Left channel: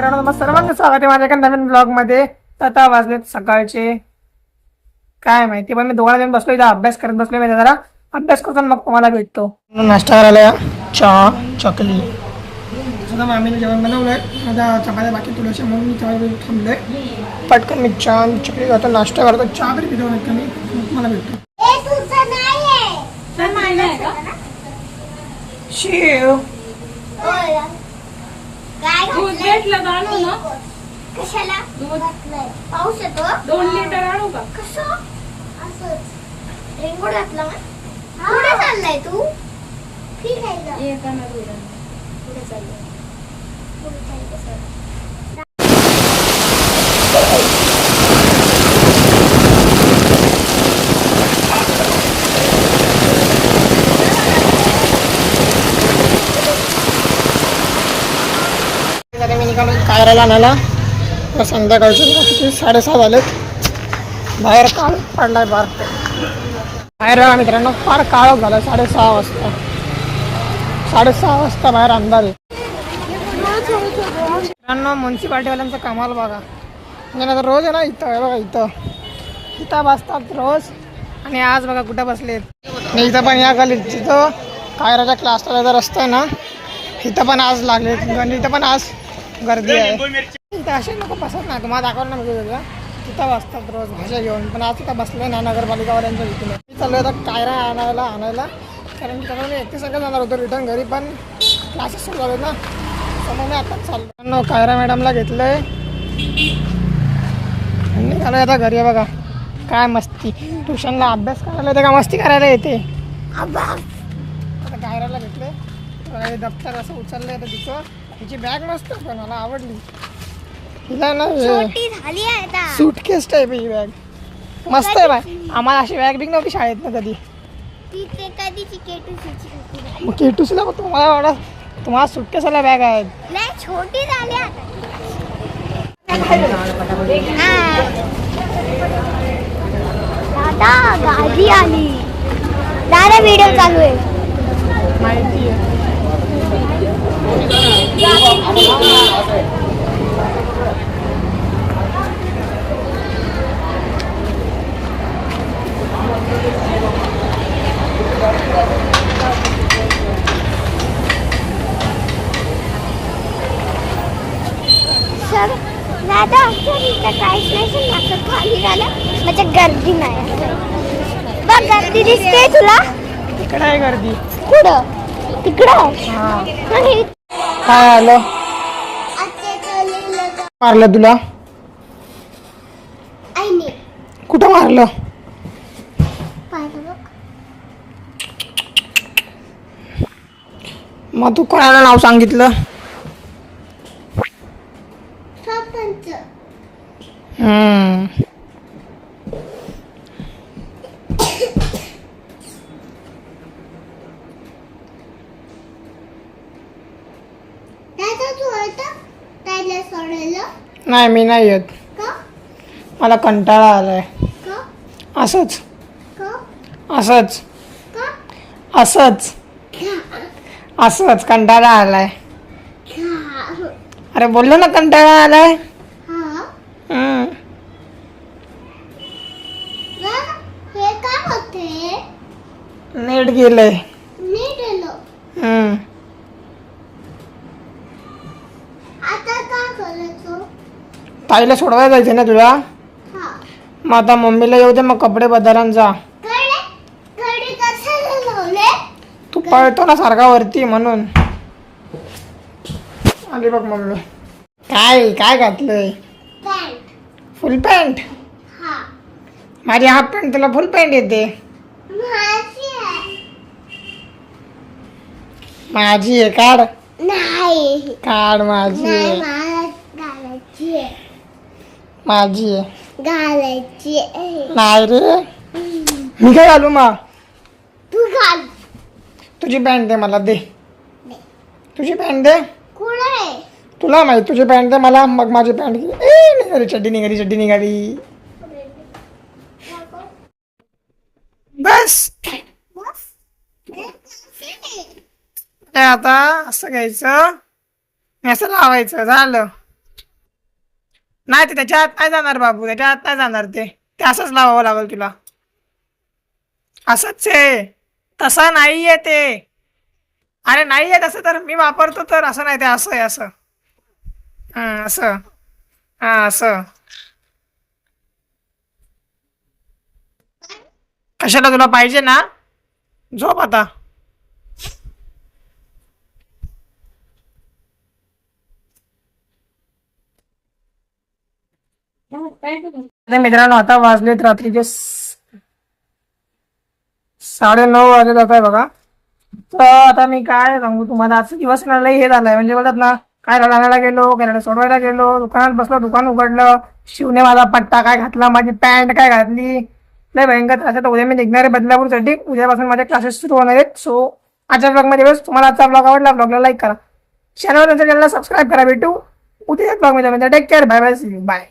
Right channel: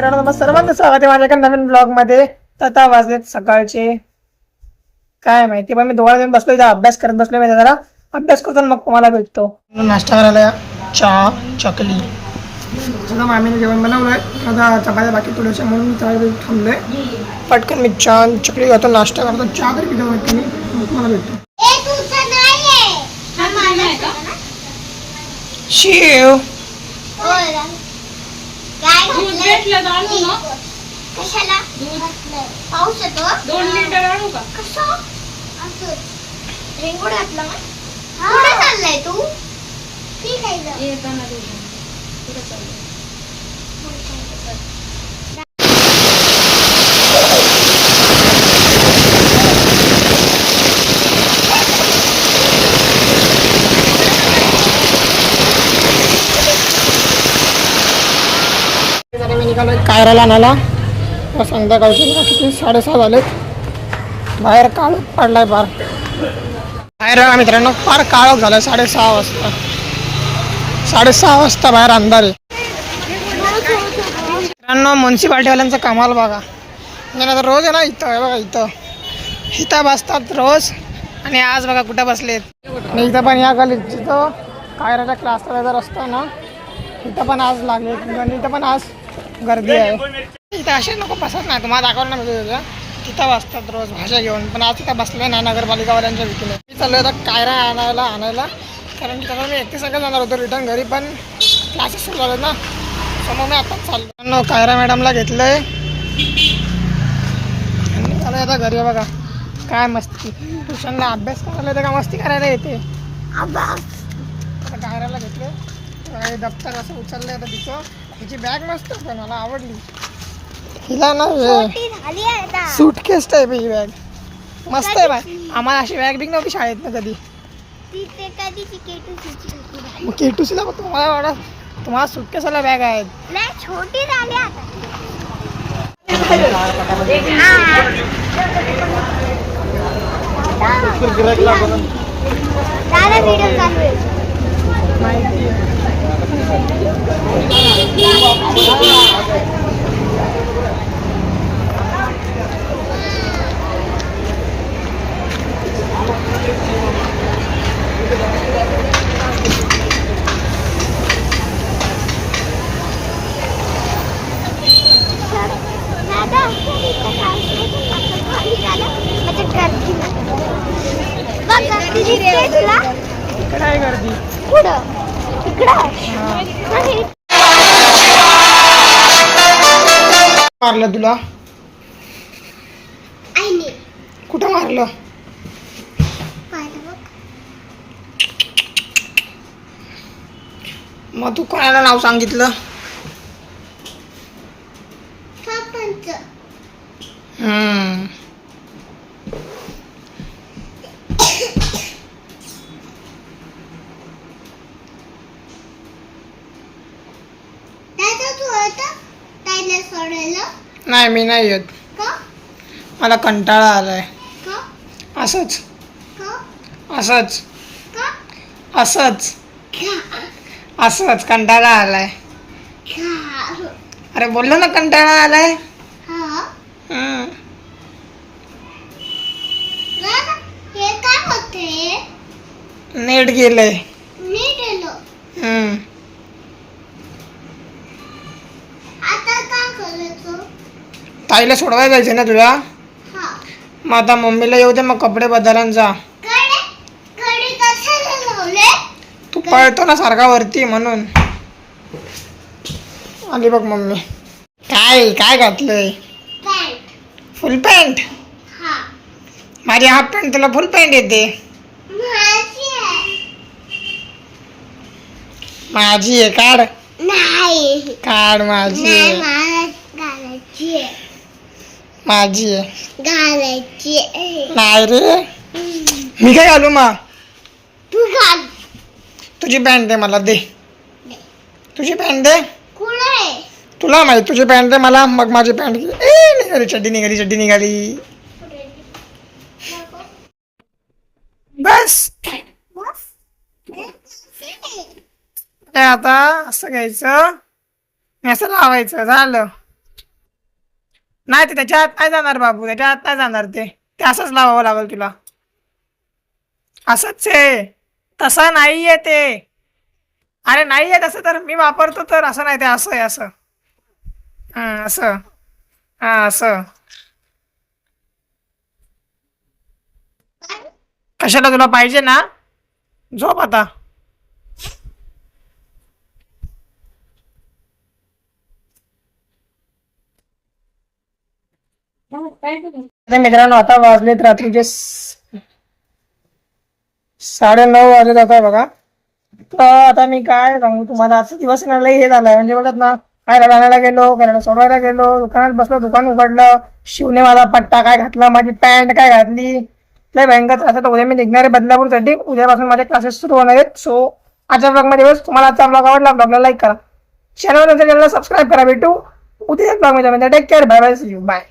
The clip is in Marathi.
मित्रांनो तुम्हाला सर्वांचं स्वागत आहे माझ्या एका नवीन ब्लॉगमध्ये तर आता वाजलेत सकाळचे काय माहिती पण मी दोघांना जाऊन बसलो इथं अभ्यास करत बसलो मी जरा अभ्यास करतो मग तुम्हाला भेटतो. नाश्ता करायला या. चहा चकली. सुद्धा मामीने जेवण बनवलंय. आता चपात्या बाकी थोड्याशा म्हणून मी त्यावेळी थांबलोय पटकन मी चहा चकली करतो नाश्ता करतो. चहा तरी पितो माहिती मी तुम्हाला भेटतो. शिव. दूध भेटलं तर आणू ना. कशाला? दूध. पाऊस येतो दोन लिटर आणू का? कसं? असंच. रेनकोट घातला कुठे चाललाय तू? ठीक आहे. येताना आणू. कुठं चाललंय? त्यासाठी मी निघालो कायराला आणायला. तर संध्याकाळचे किती साडेसहा झालेत. बाहेर काळ पडलाय फार. बाहेर बघा मित्रांनो फार काळोख झालाय साडेसहा वाजता. साडेसहा वाजता बाहेर अंधार आहे. मित्रांनो म्युन्सिपाल्टीवाल्यांचं कमाल बघा. म्हणजे आता रोज आहे ना इथं बघा इथं. इथं बसतात रोज. आणि आज बघा कुठं बसलेत. आणि इथं पण या गलीत तिथं. कायराच्या क्लासला रस्ता आहे ना. इथं पण आज लागले. आणि इथं पण आज गर्दी आहे. इथं असे नको बसत नाही तुम्हाला दाखवलं ना तुझं. तिथं बसतात रोज भाषा घेऊन. पण आज तिथं बसले ना नगरपालिकावाल्यांच्या भीतीने. मी चाललो आता कायरा आणायला आणायला. कारण की त्याला मी एकटे सगळं जाणार होतो रिटर्न घरी पण क्लासेस सुरू झाले ना. सो मग मी आताच चाललो न कायरा मॅडमला घेतलंय. आणि निघालो आता घरी बघा. काय मस्ती. ट्युशनला अभ्यास करायला येते का? मस्ती करायला येते. आता कायराला घेतले दप्तर असं उचललंय आता तिचं हिची बॅग मस्त आहे पण मला आवडली. हिला ना ती झाली आहे आता. सूटकेस टाईप ही बॅग मस्त आहे बाय. आम्हाला अशी बॅग बिग नव्हती शाळेत ना कधी. ती ते कधी. मग केटूसला मग तुम्हाला वाटत तुम्हाला सुटकेसाला बॅग आहेत लय छोटी झाली आता. दादा व्हिडिओ चालू आहे. माहिती आहे सर दादा इथं काहीच नाही सर आता खाली झालं म्हणजे गर्दी नाही बघ गर्दी दिसते तुला? इकडं आहे गर्दी? कुठं तिकडं. काय आलं? मारलं तुला? आईने कुठं मारलं? मग तू कोणाला नाव सांगितलं? सरपंच. हम्म. दादा तू आता सोडायला? नाही मी नाही येत. का? मला कंटाळा आलाय. का? असंच. का? असंच. का? असंच. का असंच कंटाळा आलाय. का अरे बोललो ना कंटाळा आलाय. हा? हम्म. दादा हे काय होते नेट गेलंय. मी गेलो. हम्म. आता काय करायचं ताईला सोडवायला जायचं ना तुला? मग आता मम्मीला येऊ दे मग कपडे बदला आणि जा तू पळतो ना सारखा वरती म्हणून. आली बघ मम्मी. काय काय घातलंय? Full pant? हा. माझी हाफ पॅन्ट तुला फुल पॅन्ट येते. माझी आहे. काढ. नाही. काढ माझी नाही आहे मला घालायची आहे माझी. घालायची. नाही रे. मी काय घालू मा? तू घाल. तुझी पॅन्ट दे मला दे. तुझी पॅन्ट दे. कुठे तुला माहीत तुझी पॅन्ट दे मला. मग माझी पॅन्ट. ए निघाली चड्डी निघाली चड्डी निघाली. बस बस. काय आता असं घ्यायचं? असं लावायचं झालं. नाही ते त्याच्या आत नाही जाणार बाबू त्याच्या आत नाही जाणार ते. ते असंच लावावं लागेल तुला. असंच आहे. तसं नाही आहे ते. अरे नाही आहे तसं तर मी वापरतो तर. असं नाही ते असं आहे असं. हां असं. हां असं. कशाला तुला पाहिजे ना? झोप आता. मित्रांनो आता वाजलेत रात्रीचे साडे नऊ वाजत जात आहे बघा. तर आता मी काय सांगू तुम्हाला आजचा दिवस ना लय हे झालाय. म्हणजे बोलतात ना काय रडायला गेलो काय सोडवायला गेलो दुकानात बसलो दुकान उघडलं शिवने माझा पट्टा काय घातला माझी पॅन्ट काय घातली. लय भयंकर आता उद्या मी निघणार आहे बदलापूरसाठी. उद्यापासून माझे क्लासेस सुरू होणार आहेत. सो आजच्या ब्लॉगमध्ये बस तुम्हाला आजचा ब्लॉग आवडला ब्लॉगला लाईक करा. चॅनल चॅनलला सबस्क्राईब करा भेटू. उद्या ब्लॉगमध्ये take care bye bye bye